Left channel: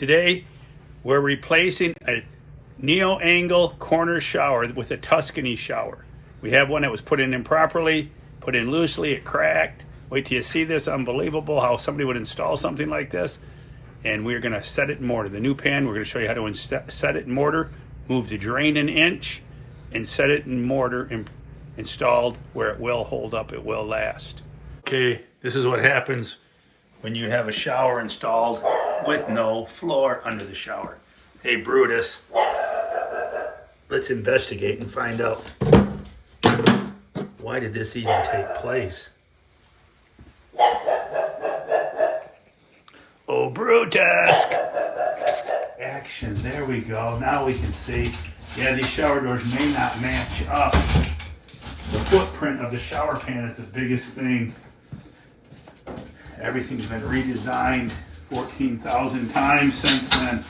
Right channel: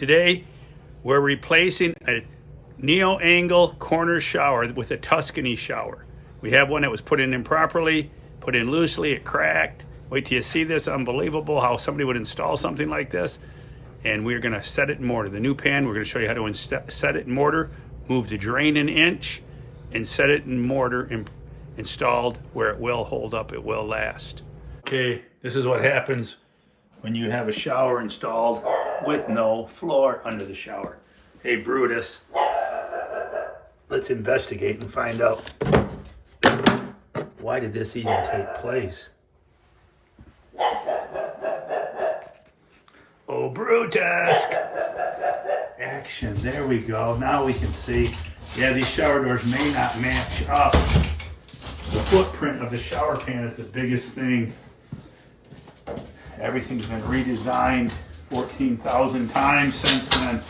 Today, we're replacing a neo-angle corner shower with a Tuscany shower. We have one that was put in improperly, put in loosely, it cracked. Wait till you see this, unbelievable how somebody would install something like this. And we're gonna set it in mortar. The new pan, we're gonna show you how to set it in mortar, move the drain an inch, and set it in mortar and installed where it will hold up, it will last. Okay, this is what happens when you have a shower installed with no floor under the shower. Hey Brutus, let's investigate and find out why did this even take place? Oh Brutus! Action, there we go. Now we can see. Yeah, these shower doors may not match up. The footprint of the shower pan is the biggest thing. Everything's been redesigned 14,000 times since then.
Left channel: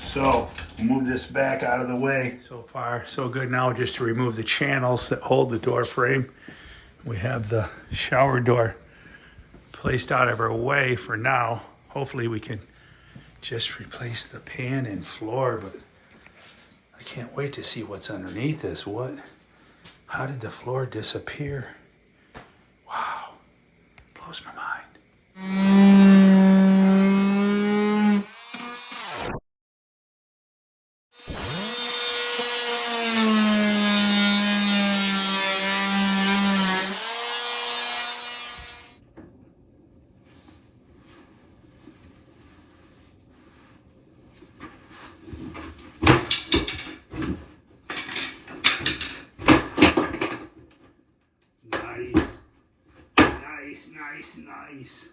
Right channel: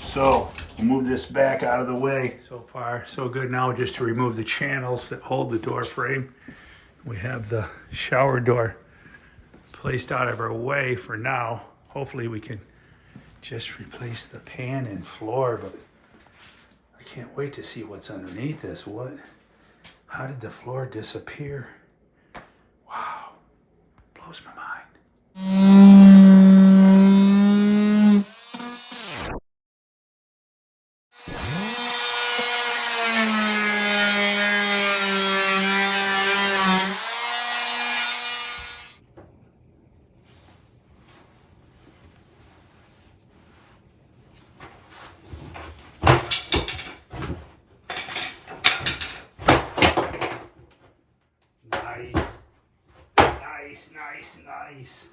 So we'll move this back out of the way. So far, so good. Now just to remove the channels that hold the door frame. We have the shower door placed out of our way for now. Hopefully we can just replace the pan and floor, but I can't wait to see what's underneath this. How did the floor disappear? Wow, blows my mind. Nice.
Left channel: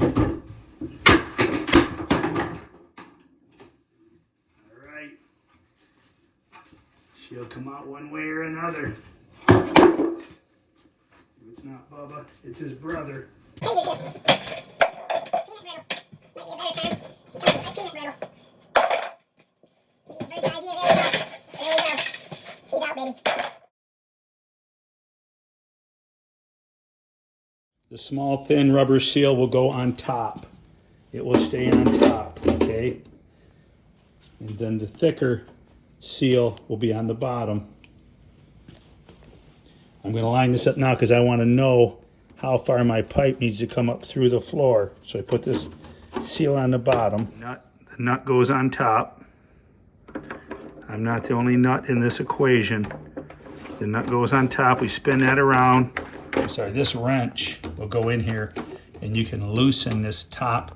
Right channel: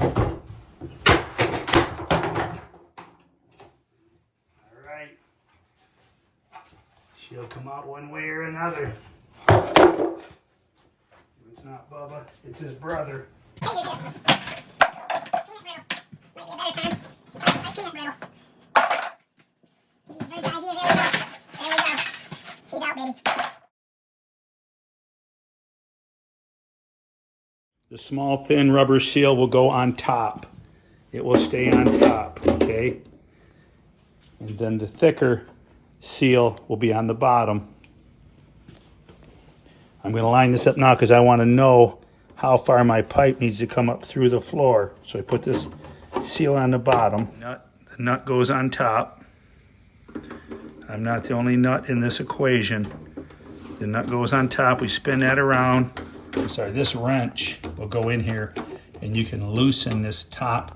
All right. She'll come out one way or another. It's not Bubba, it's his brother. The small thin rubber seal will go on top. It will stay on top, okay? And then the thicker seal will be on the bottom. I'm gonna line this up now because I wanna know how far my pipe needs to come up through the floor. So I put this seal on the bottom. The nut goes on top. I'm not the only nut in this equation. The nut goes on top, we spin that around. I'm sorry, this wrench will go in here and you can loosen this top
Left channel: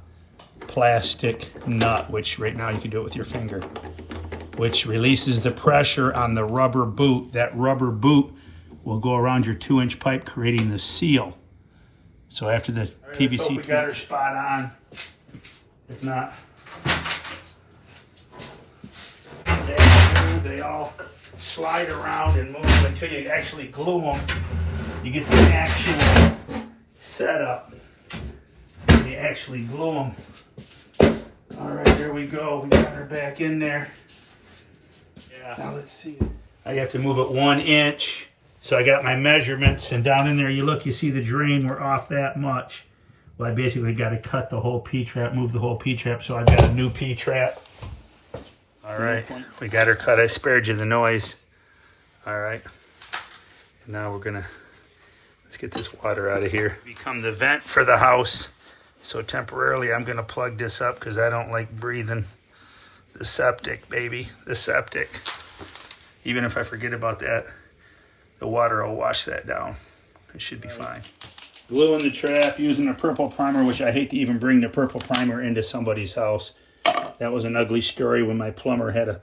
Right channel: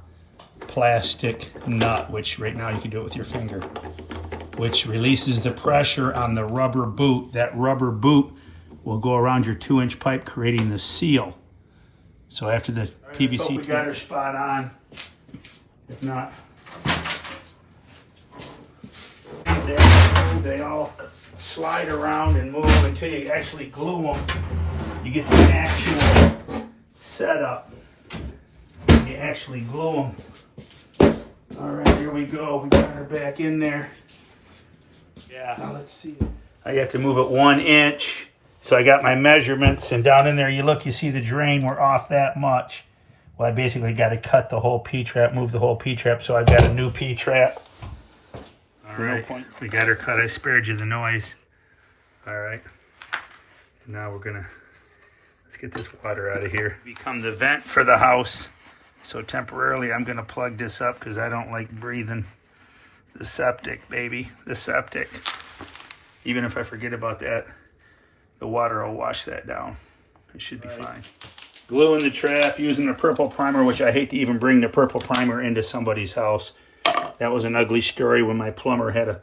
plastic nut, which right now you can do it with your finger, which releases the pressure on the rubber boot. That rubber boot will go around your 2-inch pipe, creating the seal. So after the PVC, let's hope we got her spot on. If not, they all slide around and move until you actually glue them. You get the actual setup. You actually glue them. All right, here we go. We got her back in there. Yeah. Now let's see. I have to move it 1 inch. So I got my measurements, and down in there, you look, you see the drain. We're off that much. Well, I basically got to cut the whole P-trap, move the whole P-trap. So I've got a new P-trap. All right, we got her cut. I spared you the noise. All right. And now we're gonna. Let's get this water out of here. Become the vent for the house. So temporarily I'm gonna plug this up because I don't like breathing the septic, baby, the septic. Even if I forget about that, the water will wash that down. It should be fine. Gluing the trap using a purple primer, which I hate to even bring the purple primer into somebody's house. That was an ugly story when my plumber had a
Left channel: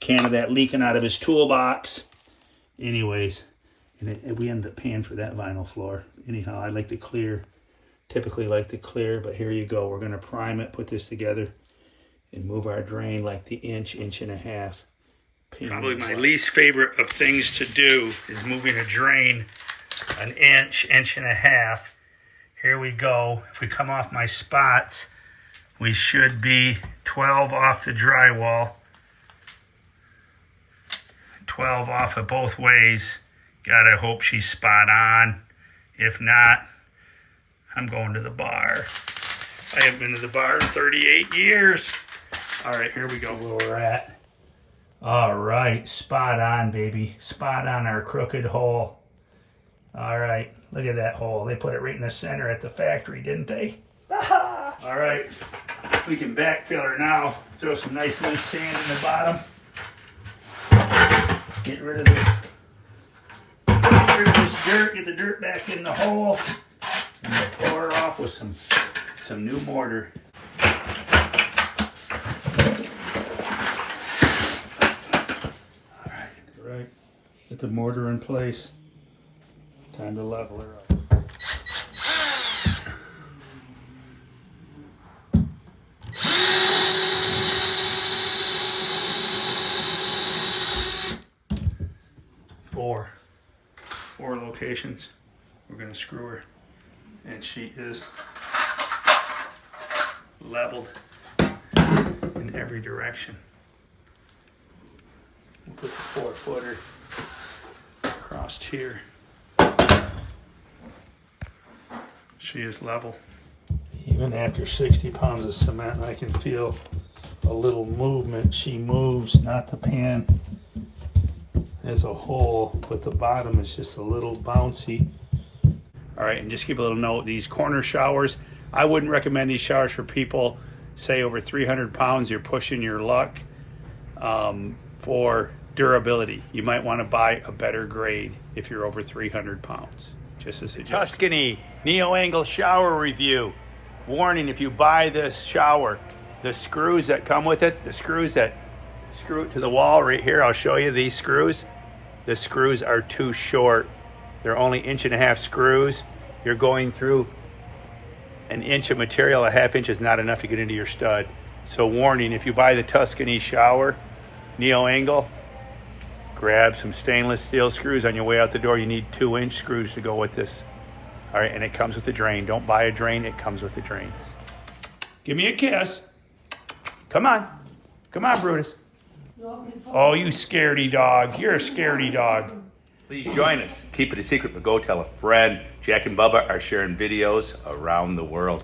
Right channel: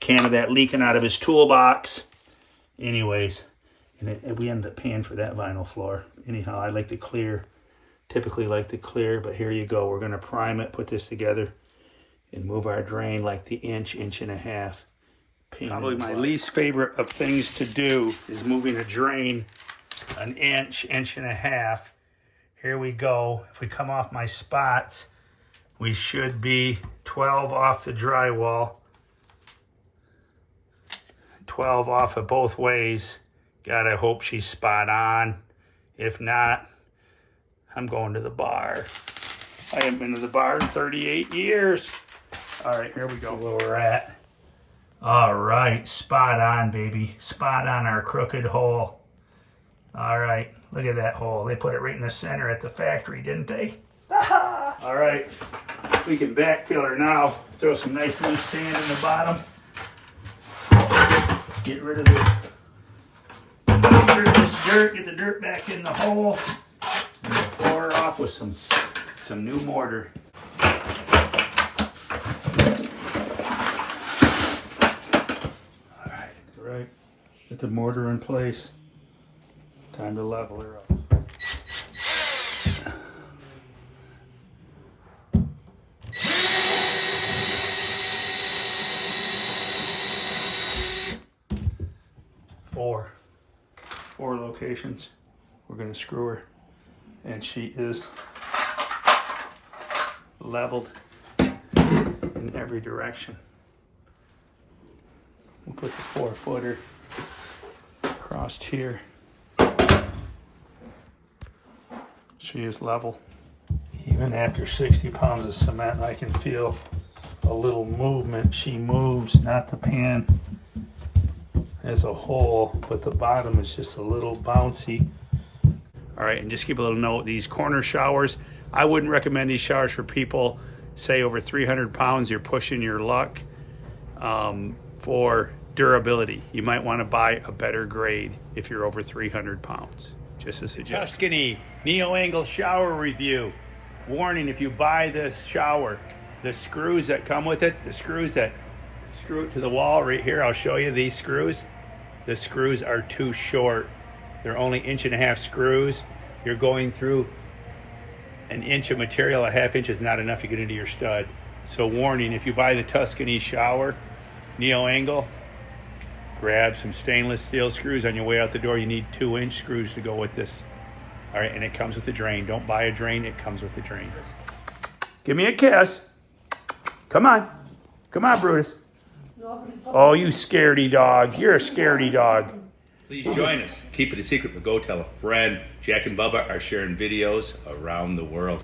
can of that leaking out of his toolbox. Anyways. And we ended up paying for that vinyl floor. Anyhow, I like the clear, typically like the clear, but here you go. We're gonna prime it, put this together, and move our drain like the inch and a half. Probably my least favorite of things to do is moving a drain an inch and a half. Here we go. If we come off my spots, we should be 12 off the drywall, 12 off of both ways. Gotta hope she's spot on. If not, I'm going to the bar. I haven't been to the bar in 38 years. All right, here we go. Where we're at. All right, spot on, baby. Spot on our crooked hole. All right, look at that hole. They put it right in the center at the factory, didn't they? All right, we can backfill her now. Throw some nice loose sand in the bottom. Get rid of this dirt. Get the dirt back in the hole. And we'll pour her off with some new mortar. All right, get the mortar in place. Time to level her up. Four locations. We're going to screw her, and she is leveled in every direction. We'll put the 4-footer across here. She is level. Even after 60 pounds of cement, I can feel a little movement. She moves, not the pan as a whole, but the bottom is just a little bouncy. All right, and just keep a little note, these corner showers, I wouldn't recommend these showers for people, say over 300 pounds, you're pushing your luck. For durability, you might want to buy a better grade if you're over 300 pounds. Just a suggestion. Tuscany neo-angle shower review. Warning, if you buy this shower, the screws that come with it, the screws that screw it to the wall right here, I'll show you these screws. The screws are too short. They're only 1.5 inch screws. You're going through an inch of material. 1/2 inch is not enough to get into your stud. So warning, if you buy the Tuscany shower neo-angle, grab some stainless steel screws on your way out the door. You need 2-inch screws to go with this. All right, and it comes with a drain. Don't buy a drain, it comes with a drain. Give me a kiss. Come on. Come on, Brutus. Oh, you scaredy dog. You're a scaredy dog. Please join us. Keep it a secret, but go tell a friend. Jack and Bubba are sharing videos around the world.